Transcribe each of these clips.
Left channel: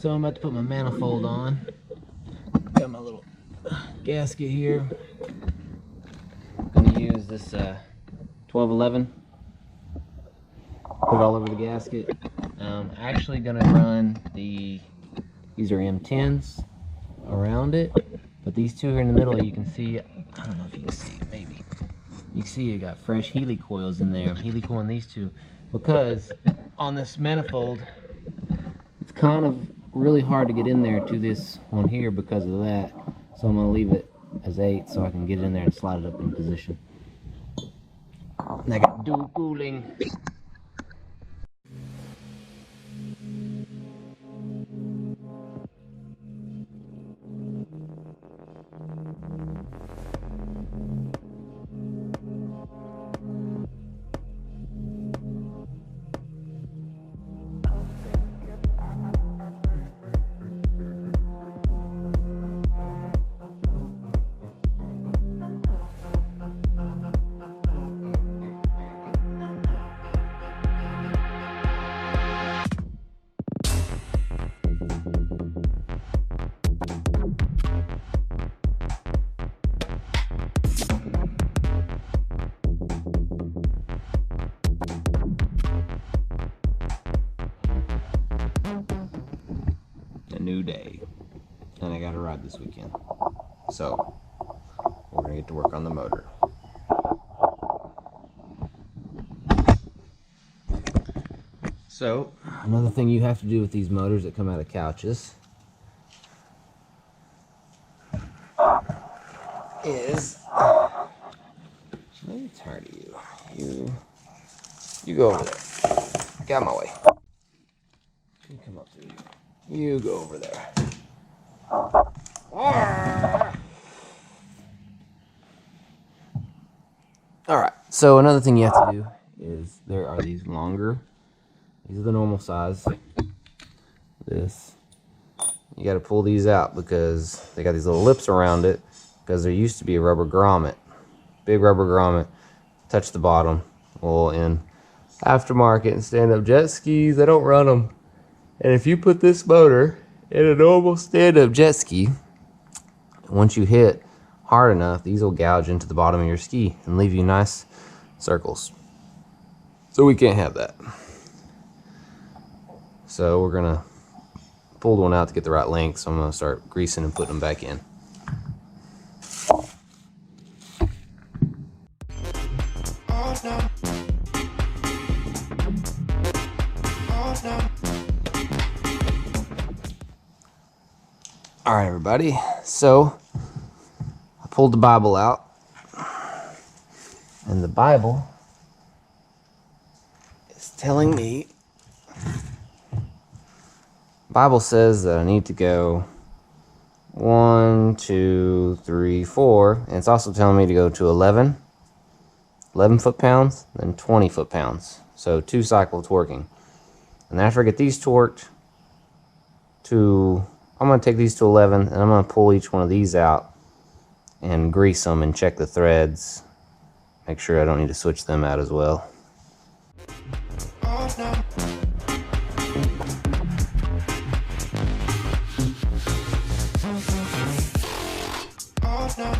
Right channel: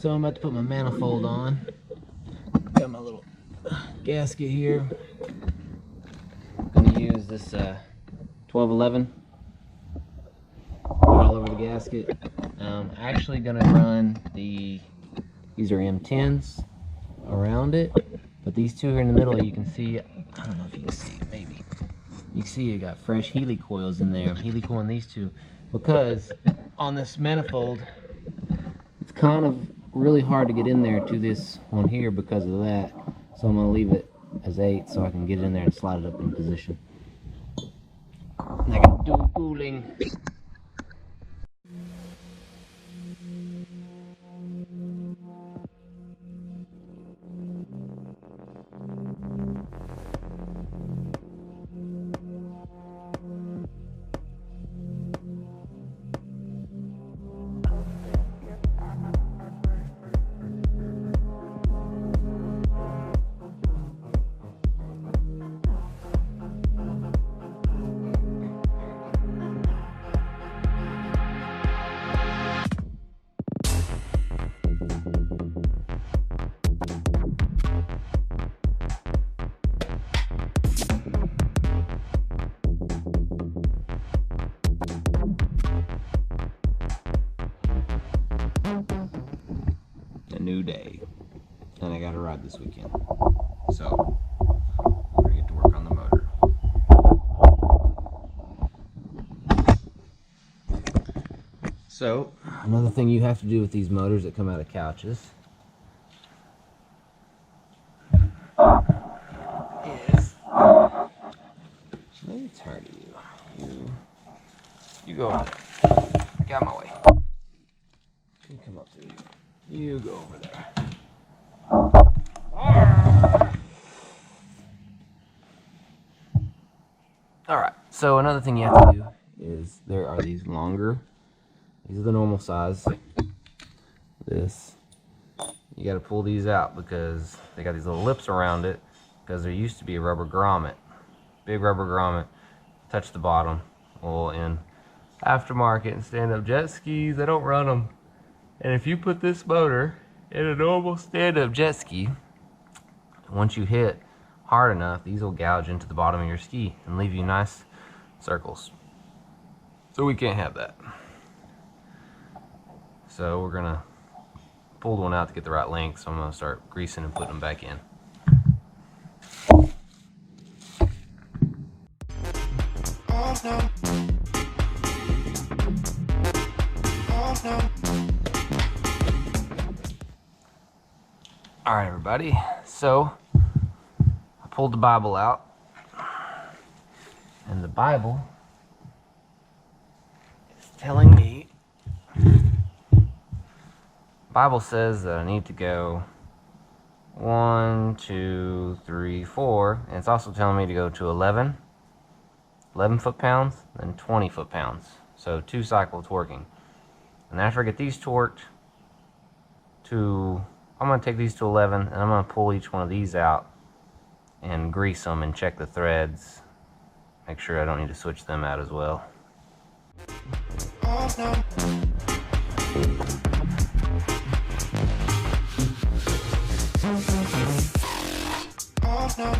So I'm about to put my manifold on. Got my little gasket here. Gonna use this 1211. Put it all over the gasket. Actually gonna run these are M10s around it, but these two here in the middle, you can see, I don't know if you can see it, maybe. You can see you got fresh Healy coils in there. I'm Healy coiling these two because on this manifold, it's kind of really hard to get in there to this one here because of that. So I'm gonna leave it as 8 so I can get in there and slide it up in position. And I got dual cooling. New day, and I got a ride this weekend, so we're gonna get to work on the motor. So another thing you have to do with these motors that come out of couches is, I'm tired of you. You go over there. Get out of my way. You come up through here. You go over there. Alright, so another thing you have to do is there are these longer. These are the normal size. This. You got to pull these out because they got these little lips around it because there used to be a rubber grommet. Big rubber grommet. Touch the bottom. Well, in aftermarket and stand-up jet skis, I don't run them. And if you put this motor in a normal stand-up jet ski, once you hit hard enough, these will gouge into the bottom of your ski and leave you nice circles. So we can't have that. So we're gonna pull one out to get the right length, so I'm gonna start greasing and putting them back in. Oh, no. Oh, no. Alright everybody, so I pulled the Bible out, and the Bible is telling me, Bible says that I need to go 1, 2, 3, 4, and it's also telling me to go to 11 foot-pounds, then 20 foot-pounds, so 2 cycle torquing. And after I get these torqued to, I'm going to take these to 11 and I'm going to pull each one of these out and grease them and check the threads. Make sure I don't need to switch them out as well. Oh, no. Oh, no.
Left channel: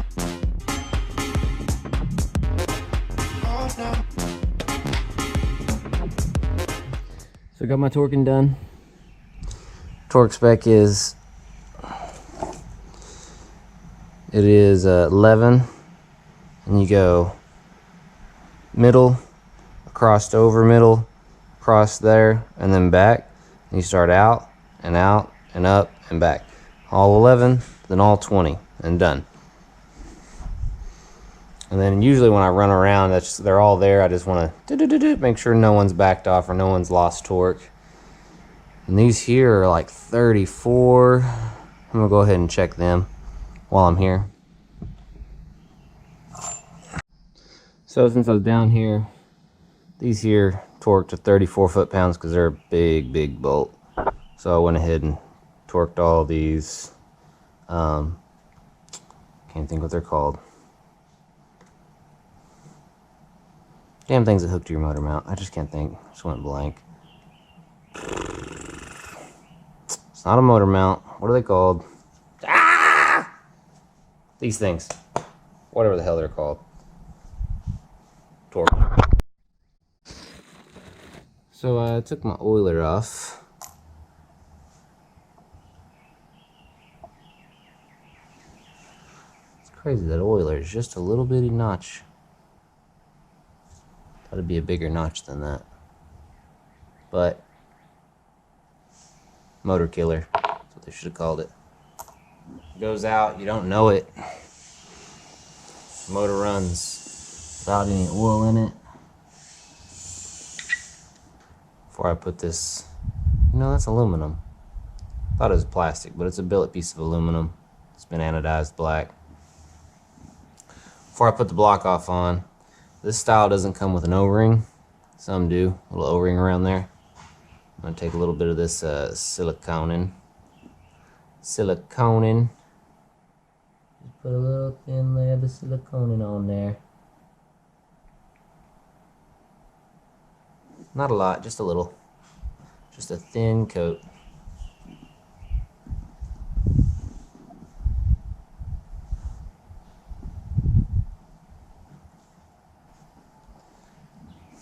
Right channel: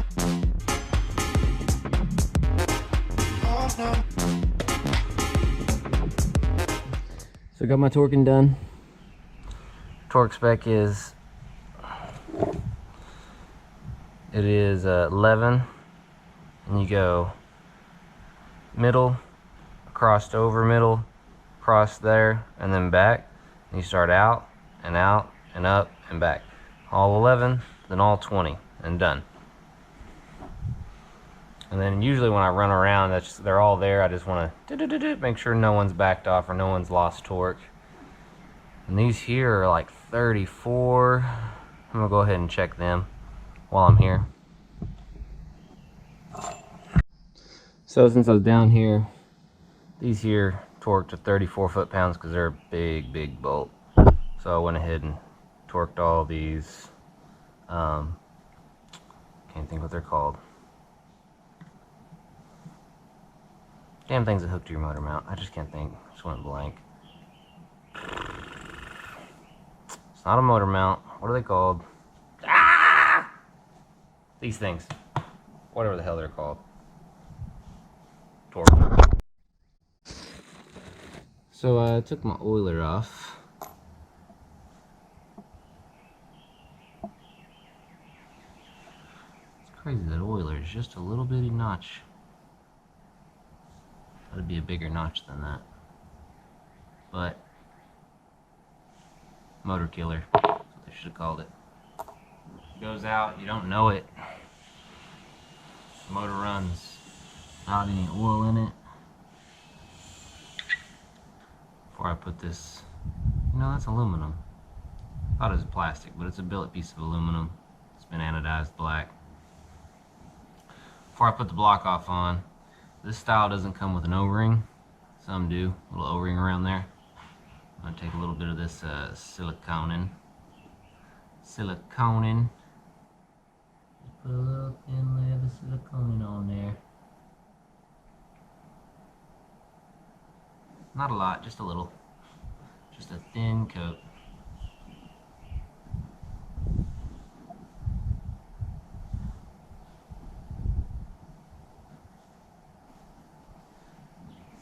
Oh, no. So I got my torquing done. Torque spec is, it is 11, and you go middle, crossed over middle, cross there, and then back. And you start out and up and back. All 11, then all 20, and done. And then usually when I run around, they're all there. I just want to make sure no one's backed off or no one's lost torque. And these here are like 34. I'm gonna go ahead and check them while I'm here. So since I was down here, these here torqued to 34 foot-pounds because they're a big bolt. So I went ahead and torqued all these. Can't think what they're called. Damn things that hook to your motor mount. I just can't think. Just went blank. It's not a motor mount. What are they called? Ah! These things. Whatever the hell they're called. Torque. So I took my oiler off. It's crazy, that oiler is just a little bitty notch. Thought it'd be a bigger notch than that. But motor killer. That's what they should have called it. It goes out, you don't know it. The motor runs without any oil in it. Before I put this, that's aluminum. Thought it was plastic, but it's a billet piece of aluminum. It's been anodized black. Before I put the block off on, this style doesn't come with an O-ring. Some do, a little O-ring around there. I'm gonna take a little bit of this siliconin. Just put a little thin layer of the siliconin on there. Not a lot, just a little. Just a thin coat.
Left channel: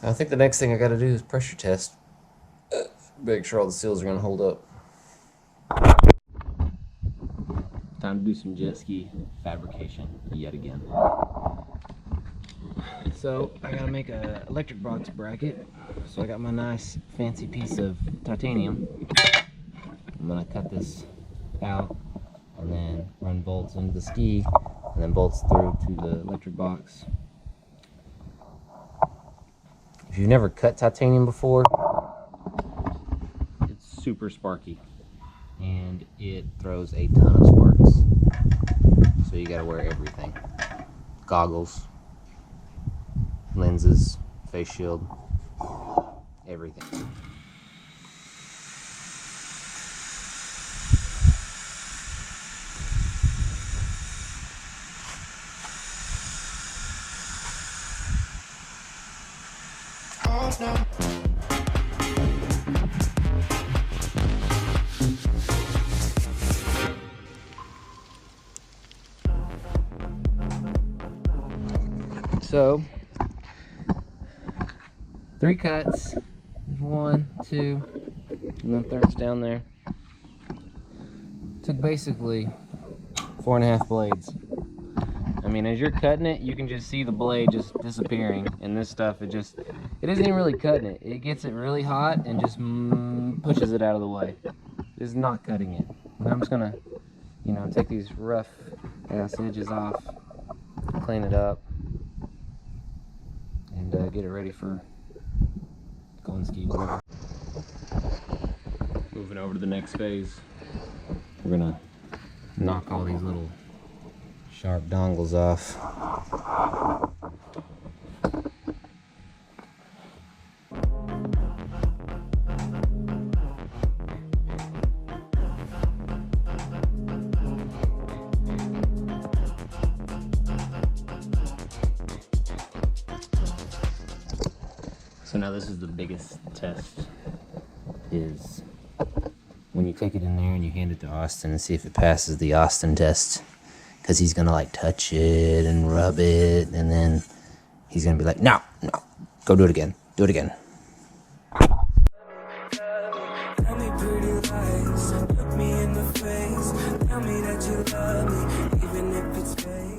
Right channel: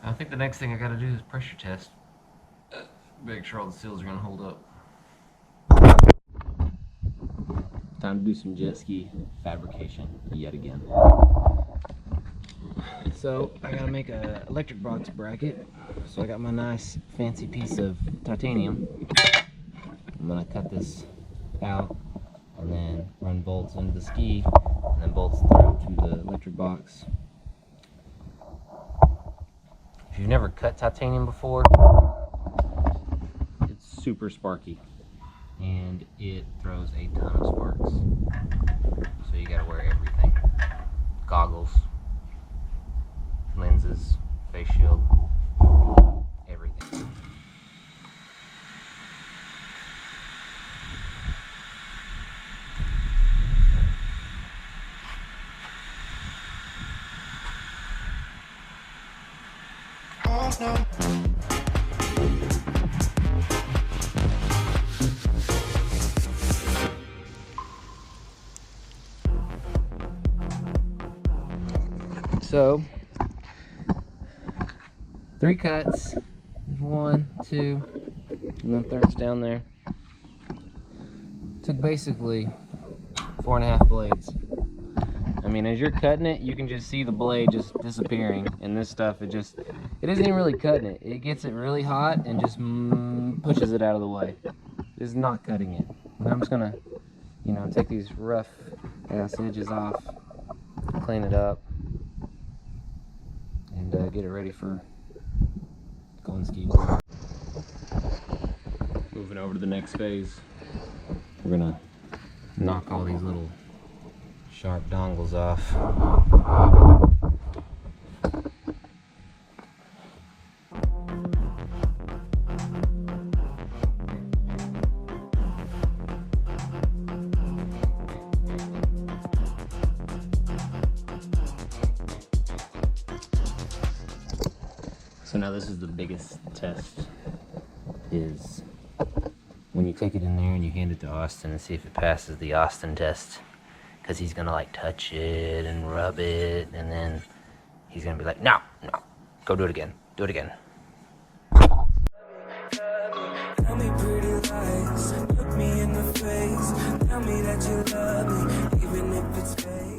I think the next thing I gotta do is pressure test. Make sure all the seals are gonna hold up. Time to do some jet ski fabrication yet again. So I gotta make a electric box bracket. So I got my nice fancy piece of titanium. I'm gonna cut this out and then run bolts into the ski and then bolts through to the electric box. If you've never cut titanium before, it's super sparky and it throws a ton of sparks. So you gotta wear everything. Goggles, lenses, face shield, everything. Oh, no. So 3 cuts. There's 1, 2, and then third's down there. Took basically 4.5 blades. I mean, as you're cutting it, you can just see the blade just disappearing, and this stuff, it isn't even really cutting it. It gets it really hot and just pushes it out of the way. It's not cutting it. And I'm just gonna, take these rough ass edges off, clean it up, and get it ready for going skis. Moving over to the next phase, we're gonna knock all these little sharp dongles off. So now this is the biggest test, is when you take it in there and you hand it to Austin and see if it passes the Austin test. Because he's gonna like touch it and rub it, and then he's gonna be like, no, go do it again, do it again. Tell me pretty lies, look me in the face, tell me that you love me, even if it's fake.